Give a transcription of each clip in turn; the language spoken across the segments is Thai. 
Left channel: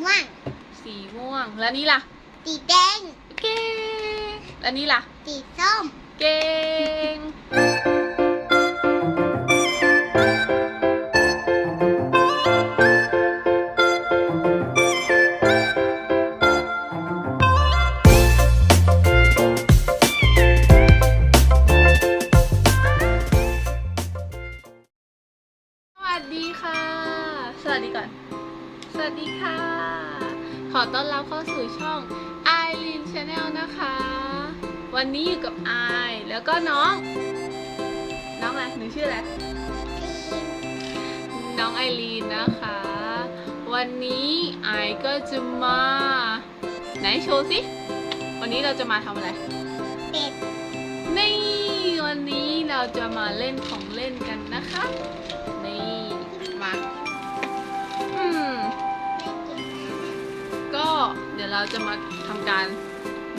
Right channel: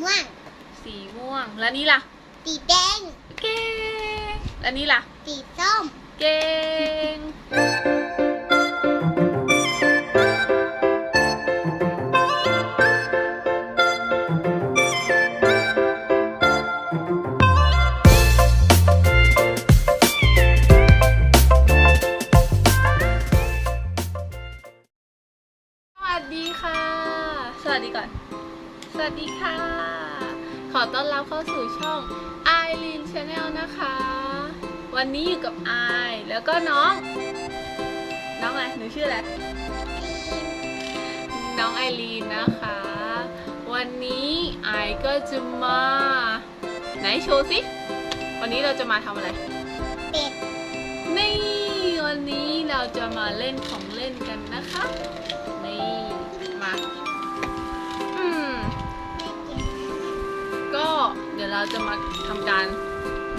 ม่วง สีม่วง แล้วนี่ล่ะ สีแดง เก่ง แล้วนี่ล่ะ สีส้ม เก่ง เข้าสู่ช่อง i r e n Channel นะคะ วันนี้อยู่กับไอายแล้วก็น้อง น้องอะไรหนูชื่ออะไรน้องไอรีนนะคะ วันนี้ไอายก็จะมา ไหนโชว์สิวันนี้เราจะมาทำอะไรเป็ดนี่วันนี้เราจะมาเล่นของเล่นกันนะคะนี่มา เดี๋ยวเราจะมาทำการ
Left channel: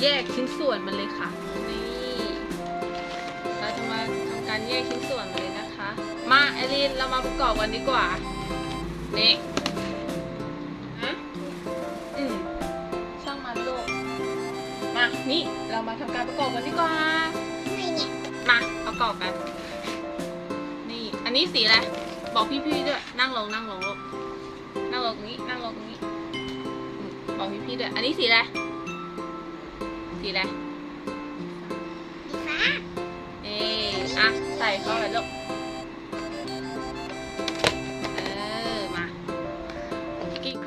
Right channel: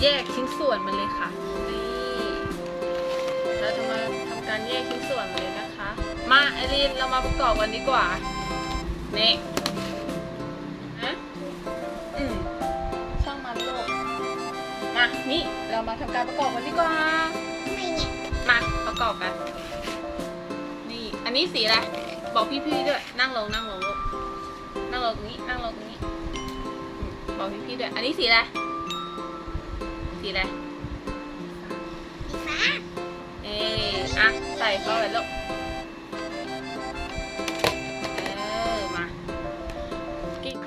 แยกชิ้นส่วนมันเลยค่ะนี่เราจะมาทำการแยกชิ้นส่วนมันเลยนะคะ มาไอรีนเรามาประกอบกันดีกว่านี่ฮะอืมช่างมันโลกมานี่เรามาทำการประกอบกันดีกว่าไม่เนี่ยมาประกอบกันนี่อันนี้สีอะไรบอกพี่ๆด้วยนั่งลงนั่งลงลูกนั่งลงตรงนี้นั่งลงตรงนี้ บอกพี่ๆด้วย อันนี้สีอะไร สีอะไร สีฟ้า เอ๊อะ ใส่เข้าไปลูกเออมากิ๊ก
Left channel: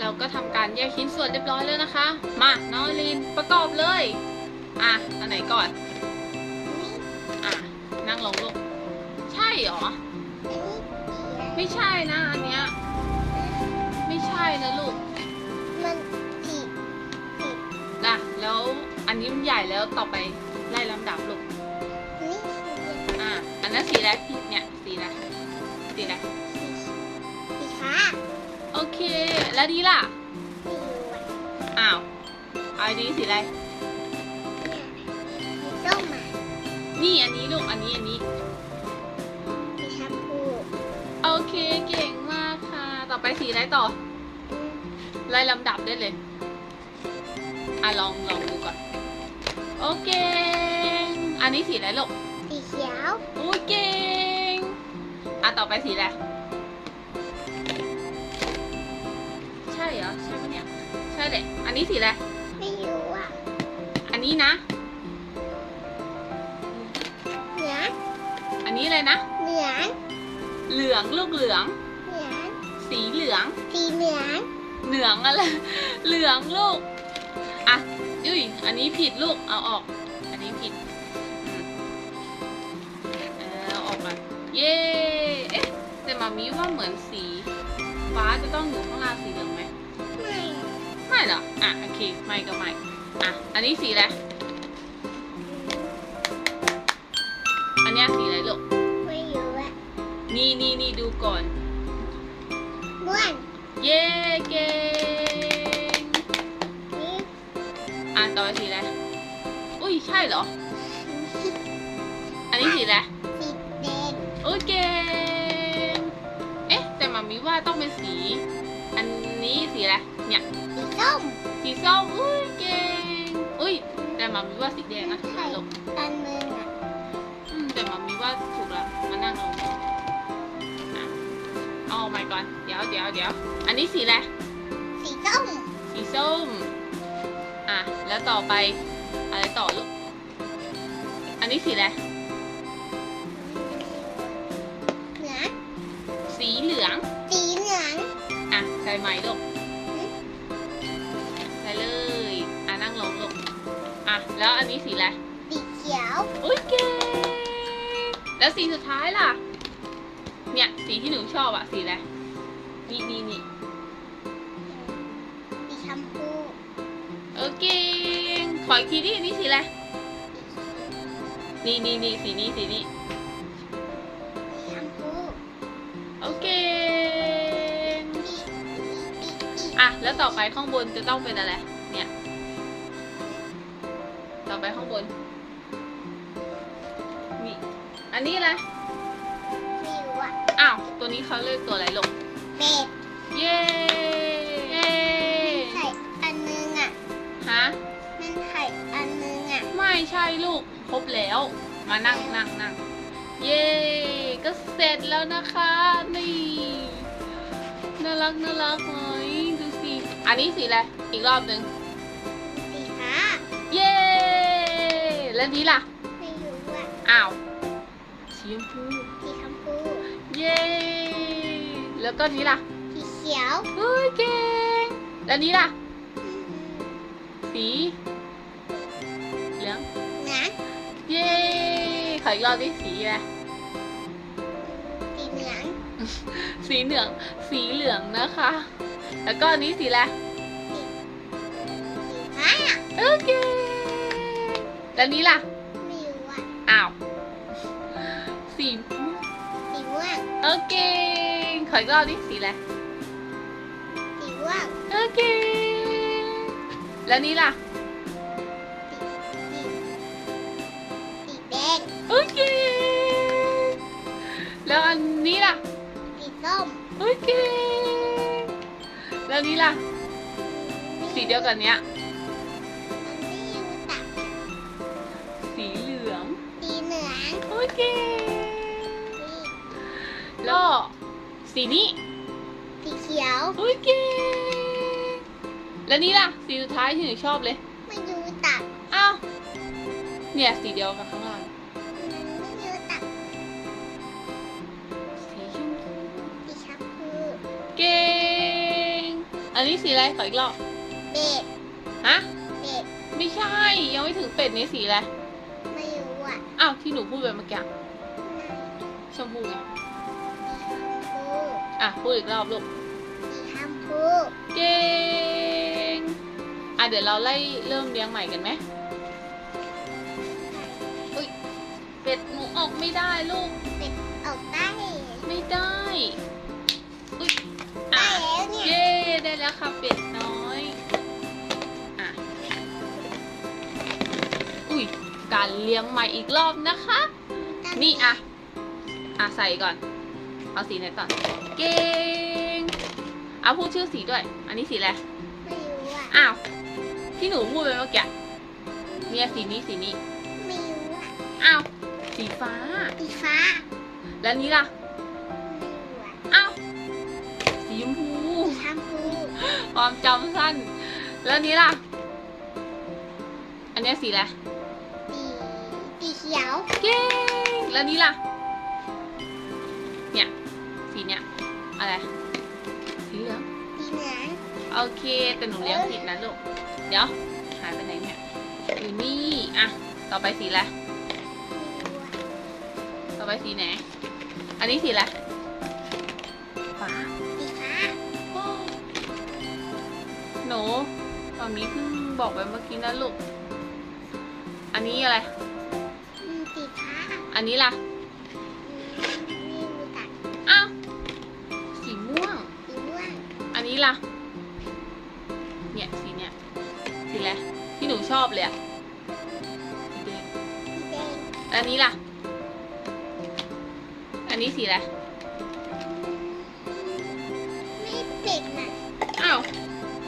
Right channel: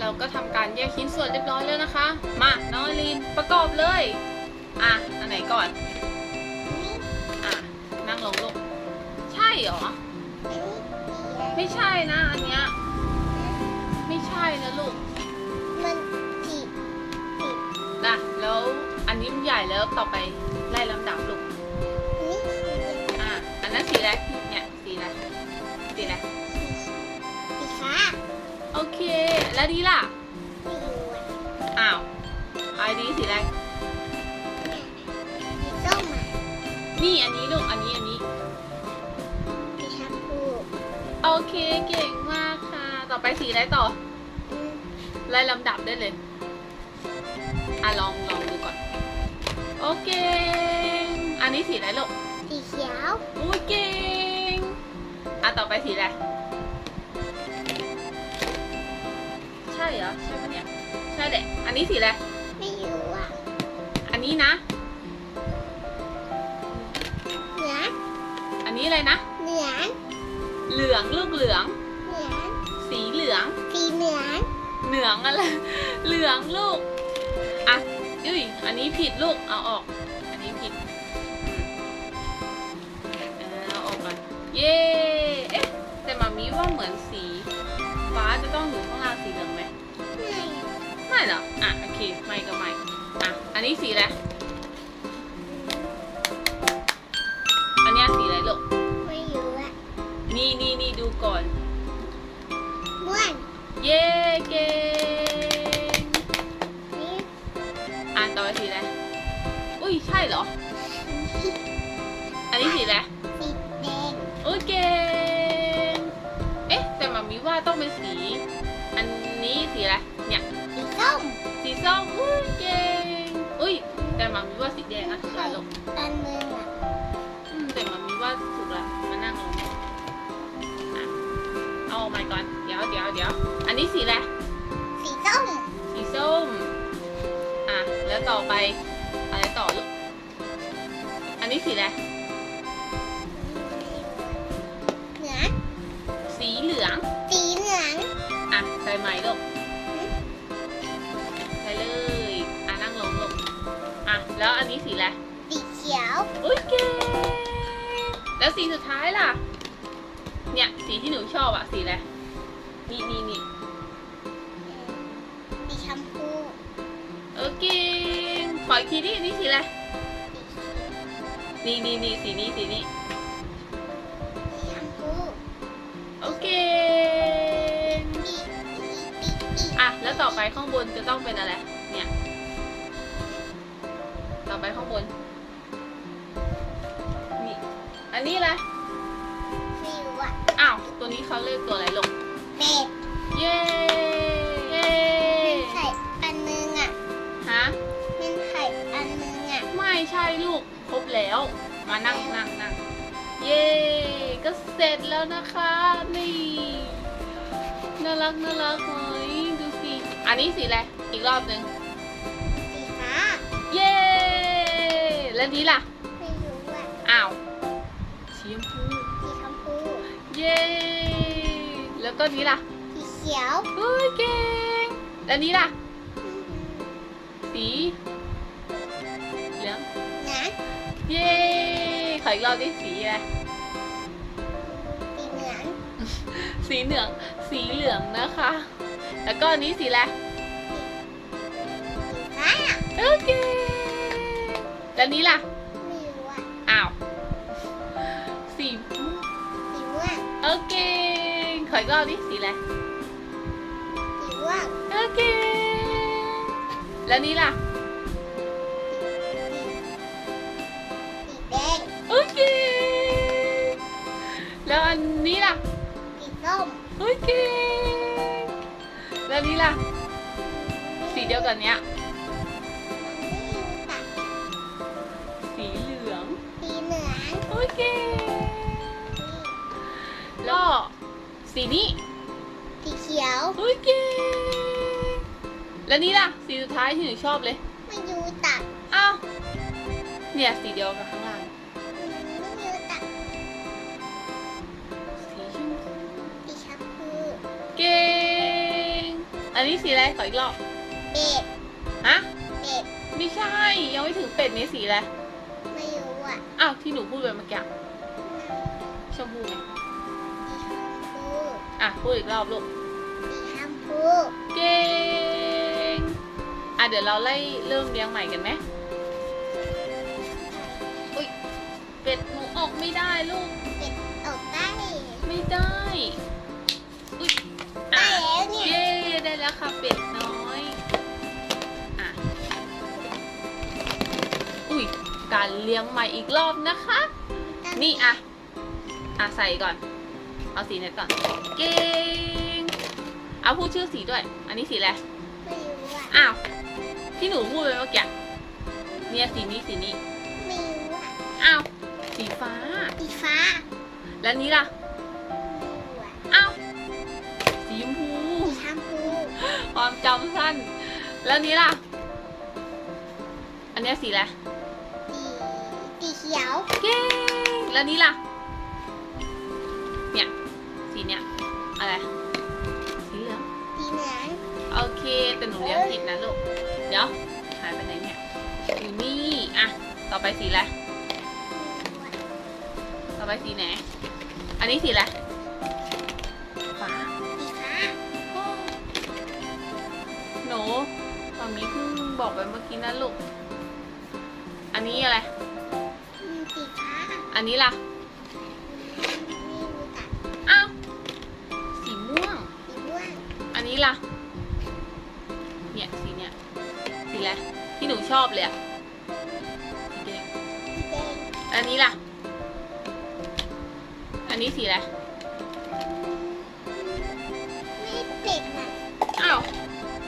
เราก็ทำการแยกชิ้นส่วนเรียบร้อยเลยนะคะ มา น้องลินประกอบเลย อะ อันไหนก่อน อะ นั่งลงลูก ใช่เหรอ ไม่ใช่นะอันเนี้ย อันนี้มันใหญ่แล้วต่อไปไล่ลำดับลูกนี่อะอันนั้นสีอะไรพี่เนี่ยสีอะไรสีอะไรสีฟ้าโอเค แล้วดีล่ะไม่รู้อะอ้าวไอดีสีอะไรสีส้มอะนี่อันนี้ลูกอันนี้อันนี้สีชมพูโอเคเก่งมากค่ะ ต่อไปสีอะไรต่ออืมไล่ลำดับได้เลยอะลองลองดูก่อน โอเค อันนี้สีอะไรลูก สีเขียวโอ้ยเก่งอะต่อไปสีอะไร ใช่เหรอใช่ปะเนี่ยใช่แหละ อันนี้สีอะไร ไม่รู้อะ อันนี้นะ เหลืองอันนี้อะไรนะ เหลืองเหลืองลูกเหลือง เหลืองสีเหลือง สีเหลือง เหลืองอะไร เหลืองลูก อะ อุ้ย อันนี้ผิดลูก เอาออก อันนี้ผิดเออเอาออกมาเย้เอ๊ะแต่มามีว่าเหมือนสีฟ้าจะต้องอยู่ข้างล่างสีเหลืองไหมไม่ไม่หรอกอะ โอเค ไม่ก็ไม่ อะ อันนี้สีอะไร อันเนี้ยสีอะไรลูก ไม่รู้อะนี่นี่นี่ดูก่อนบ้วน เย้ เก่ง อะต่อไปสีอะไรอุ้ยใช่เหรอ อันนี้สีอะไรสีแดงโอเค เอ๊ะ แต่มามีว่าต้องเป็นสี อันนี้สีอะไร เนี่ย สีส้ม สีส้มอุ้ยเก่งอุ้ย แต่มามีว่าสีแดงนะถูกแล้วลูกอันมืออะอืมแต่มามีว่าถูกแล้วมานั่งลงอะเอาออกมาก่อน เดี๋ยวเดี๋ยวเดี๋ยว อันนี้สีอะไร สีส้ม สีส้มอะ แล้วต่อไปอะไรต่อลูกอันนี้สีอะไรเหลืองสีเหลือง สีเหลืองอะใส่ไหมลูกใส่เลยอะนั่งลงลูกอะแล้วอันนี้สีอะไรสีเขียวอุ้ยเก่งแล้วสีสุดท้ายล่ะ เนี่ยสีที่หนูชอบอะสีอะไรนี่นี่นี่ ออีกทีดิอันนี้สีอะไร นี่นี่นี่สีนี้สีนี้สีชมพูโอเคสีสีสีสีอะ แล้วต่อไปข้างบนจะต้องเป็นอะไร เนี่ย ต่อไปข้างบน นี่ อันนี้อะไรไม่รู้อะ อ้าว ตัวนี้เขาเรียกตัวอะไรลง เป็ด เย้เย้ มานั่งนั่งนั่งเย้ก็เสร็จแล้วนะคะนี่น่ารักน่ารักไหมดูสิอันนี้สีอะไรอีกรอบหนึ่งสีฟ้าเย้แล้วนี้ล่ะไม่รู้อะอ้าวสีชมพูสีชมพูเย้แล้วก็นี้ล่ะสีเขียวเฮ้ยเก่งแล้วนี้ล่ะอืมสี ออีกรอบดิสีอะไรสีเหลือง สีเหลือง สีเหลืองนะคะ แล้วก็อันนี้สีอะไรสีฟ้าโอเค แล้วนี้ล่ะ ไม่รู้อะอ้าว สีม่วงสีม่วงโอเค ขออีกรอบดิสีอะไรสีม่วงโอเค แล้วนี้ล่ะ แล้วนี้ล่ะ สีเดียวกันเนี้ยมันไม่รู้จักสีเหลืองสีเหลือง โอเคสีแล้วก็สีนี้สีเขียว โอเค แล้วนี่ล่ะ สีสุดท้ายที่หนูชอบเลย ไม่รู้จักอ้าวเนี่ยสีเดียวกับข้างล่างมัน อันนี้สีอะไรขออีกรอบเบ็ด ฮะเบ็ด ไม่ใช่ ยังไม่ถึงเป็ดนี่สีอะไร ไม่รู้อะอ้าวที่หนูพูดไปเมื่อกี้ชมพูสีชมพูอะพูดอีกรอบลูกสีชมพูเก่งอะเดี๋ยวเราไล่เริ่มเลี้ยงใหม่กันไหมอุ้ยเป็ดหนูออกไม่ได้ลูก เป็ดออกได้ ไม่ได้อุ้ยได้อะ การเลี้ยงใหม่อีกรอบนะคะ นี่อะ อะใส่ก่อน เอาสีไหนก่อน เก่ง เอาพูดชื่อสีด้วย อันนี้สีอะไร ไม่รู้อะ อ้าว ที่หนูพูดไปเมื่อกี้ เนี่ยสีนี้สีนี้ ไม่รู้อะ อ้าว สีฟ้า สีฟ้า แล้วนี้ล่ะไม่รู้อะอ้าว สีชมพูสีชมพูความจำสั้น แล้วนี้ล่ะ อันเนี้ยสีอะไรสีสีเขียวเก่งแล้วนี้ล่ะ เนี่ย สีเนี้ยอะไรสีเหลือง สีเหลืองโอเคแต่หนูเลี้ยงผิดนะลูก เดี๋ยว หายไปไหนเนี่ยอยู่นี่ อะ ต่อไปสีอะไรไม่รู้อะต่อไปสีไหน อันนี้สีอะไร ฟ้า สีฟ้าหนูตอนนี้เพิ่งบอกไปเมื่อกี้นะลูก อันนี้อะไรอืมสีฟ้า อันนี้ล่ะอืมไม่รู้จักอ้าวสีม่วงสีม่วง อันนี้ล่ะ เนี่ยสีเนี่ยสีอะไรที่หนูชอบเลยอะสีแดงสีแดงอันนี้ล่ะ อันนี้สีอะไรไม่เป็ดน่ะอ้าว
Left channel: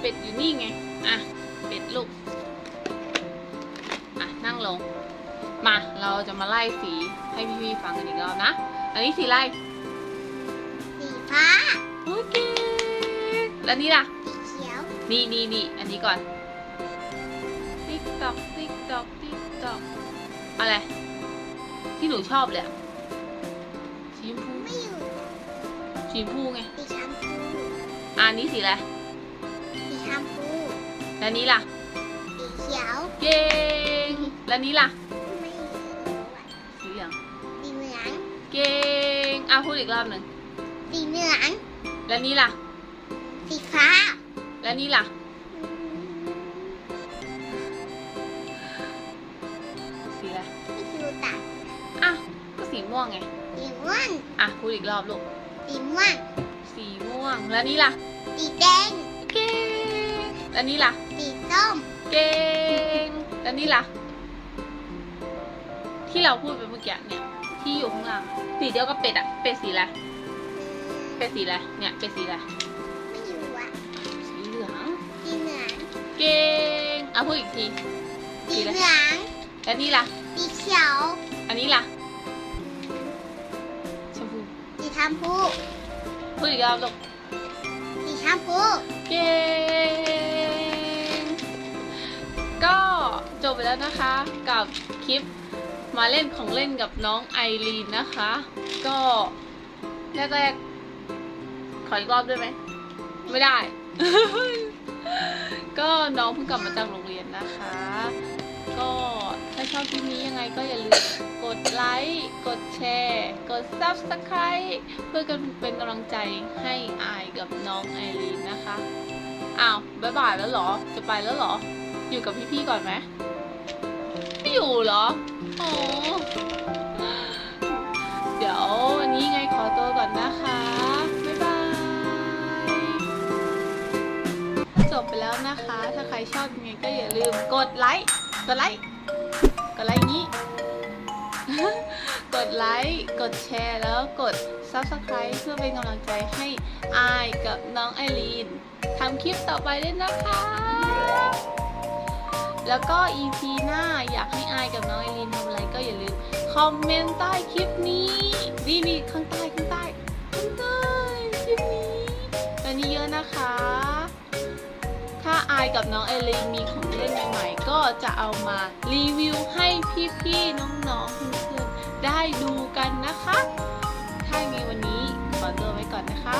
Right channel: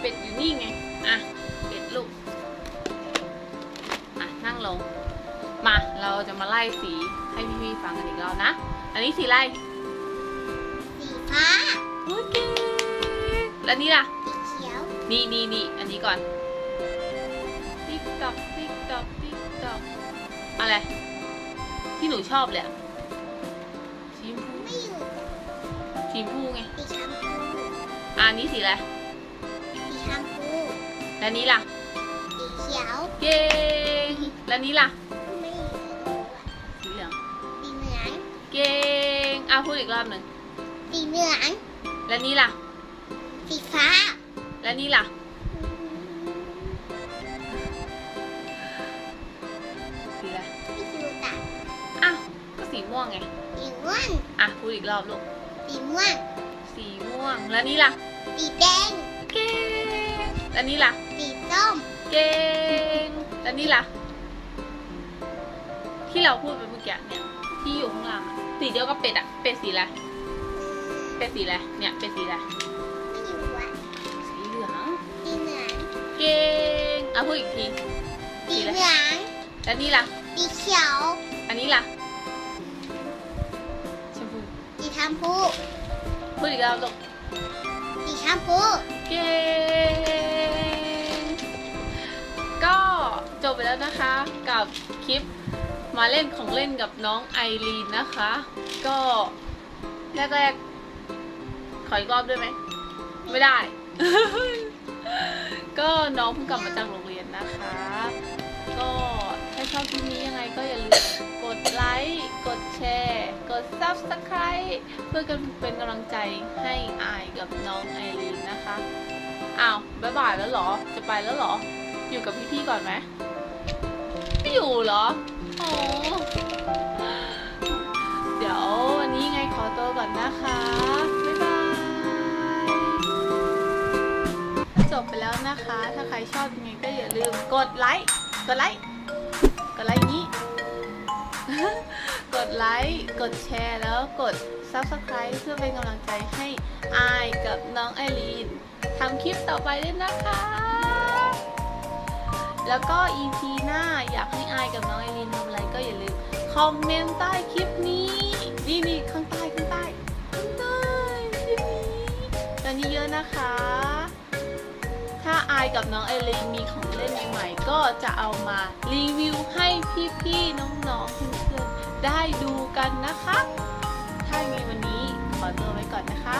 เป็ดอยู่นี่ไง มา เราจะมาไล่สีให้พี่ๆฟังกันอีกรอบนะ อันนี้สีอะไรสีฟ้าโอเคแล้วนี่ล่ะสีเขียว นี่นี่นี่อันนี้ก่อน ติ๊กตอกติ๊กตอกติ๊กตอกอะไร ที่หนูชอบเลยอะสีชมพูไม่รู้จักสีชมพูไงสีชมพูอะอันนี้สีอะไรสีชมพูแล้วนี้ล่ะสีเขียว เย้แล้วนี้ล่ะ เก่งอะพูดอีกรอบหนึ่งสีเหลืองแล้วนี้ล่ะ สีฟ้า แล้วนี้ล่ะอืมสีอะไรไม่รู้จักอ้าวก็สีม่วงไง สีม่วงอะพูดอีกรอบลูก สีม่วง สีม่วง แล้วนี้ล่ะ สีแดงเก่งแล้วนี้ล่ะ สีส้มเก่งแล้วนี่ล่ะ ที่เราพูดไปเมื่อกี้เนี่ย ที่อยู่ข้างล่างอะ สีเดียวกับเป็ดอะเป็ดสีอะไรเป็ดสีอะไรเนี่ยเป็ดสีอะไรไม่รู้อะสีเหลืองสีเหลืองเก่งอะพูดอีกทีสีเหลืองแล้วนี่ล่ะสีเขียวเอันนี้ล่ะชมพูสีชมพูพูดอีกแล้วลูกสีชมพูเก่งก็จบไปแล้วนะคะกับคลิป มาเล่นของเล่นกับน้องไอรีนนะคะ ก็แรกๆขออีกรอบได้ไหม ไม่ได้ ก็น้องเพิ่งกลับมาจากโรงเรียนนะคะ ก็ถ้าชอบคลิปนี้ยังไงก็อย่าลืมกดไลค์ กดแชร์ กด subscribe เพื่อกันเป็นกำลังใจให้อายกับน้องไอรีนนะคะ อ้าว บ๊ายบายแล้วเหรอ จะไปแล้วเหรอ อยู่กับพี่ๆก่อนไหม อยู่เหรอโอ้เดี๋ยววันนี้ไงขอตัวก่อนนะคะ บ๊ายบาย จบไปแล้วนะคะ ถ้าใครชอบยังไงก็อย่าลืมกดไลค์ กดไลค์ กดไลค์นี้ กดไลค์ กดแชร์แล้วกด subscribe เพื่อเป็นกำลังใจให้อายกับน้องไอรีนทำคลิปต่อไปด้วยนะคะ แล้วก็ EP หน้าอยากให้อายกับน้องไอรินทำอะไรก็อย่าลืมคอมเมนต์ใต้คลิปนี้นี่นี่ข้างใต้ข้างใต้ข้างใต้คลิปนี้กันเยอะนะคะ ถ้าอายกับน้องไอรีนมีของเล่นใหม่ๆก็จะเอามารีวิวให้พี่ๆน้องๆเพื่อนๆได้ดูกันนะคะ ถ้ามีวันนี้ขอตัวไว้ก่อนนะคะ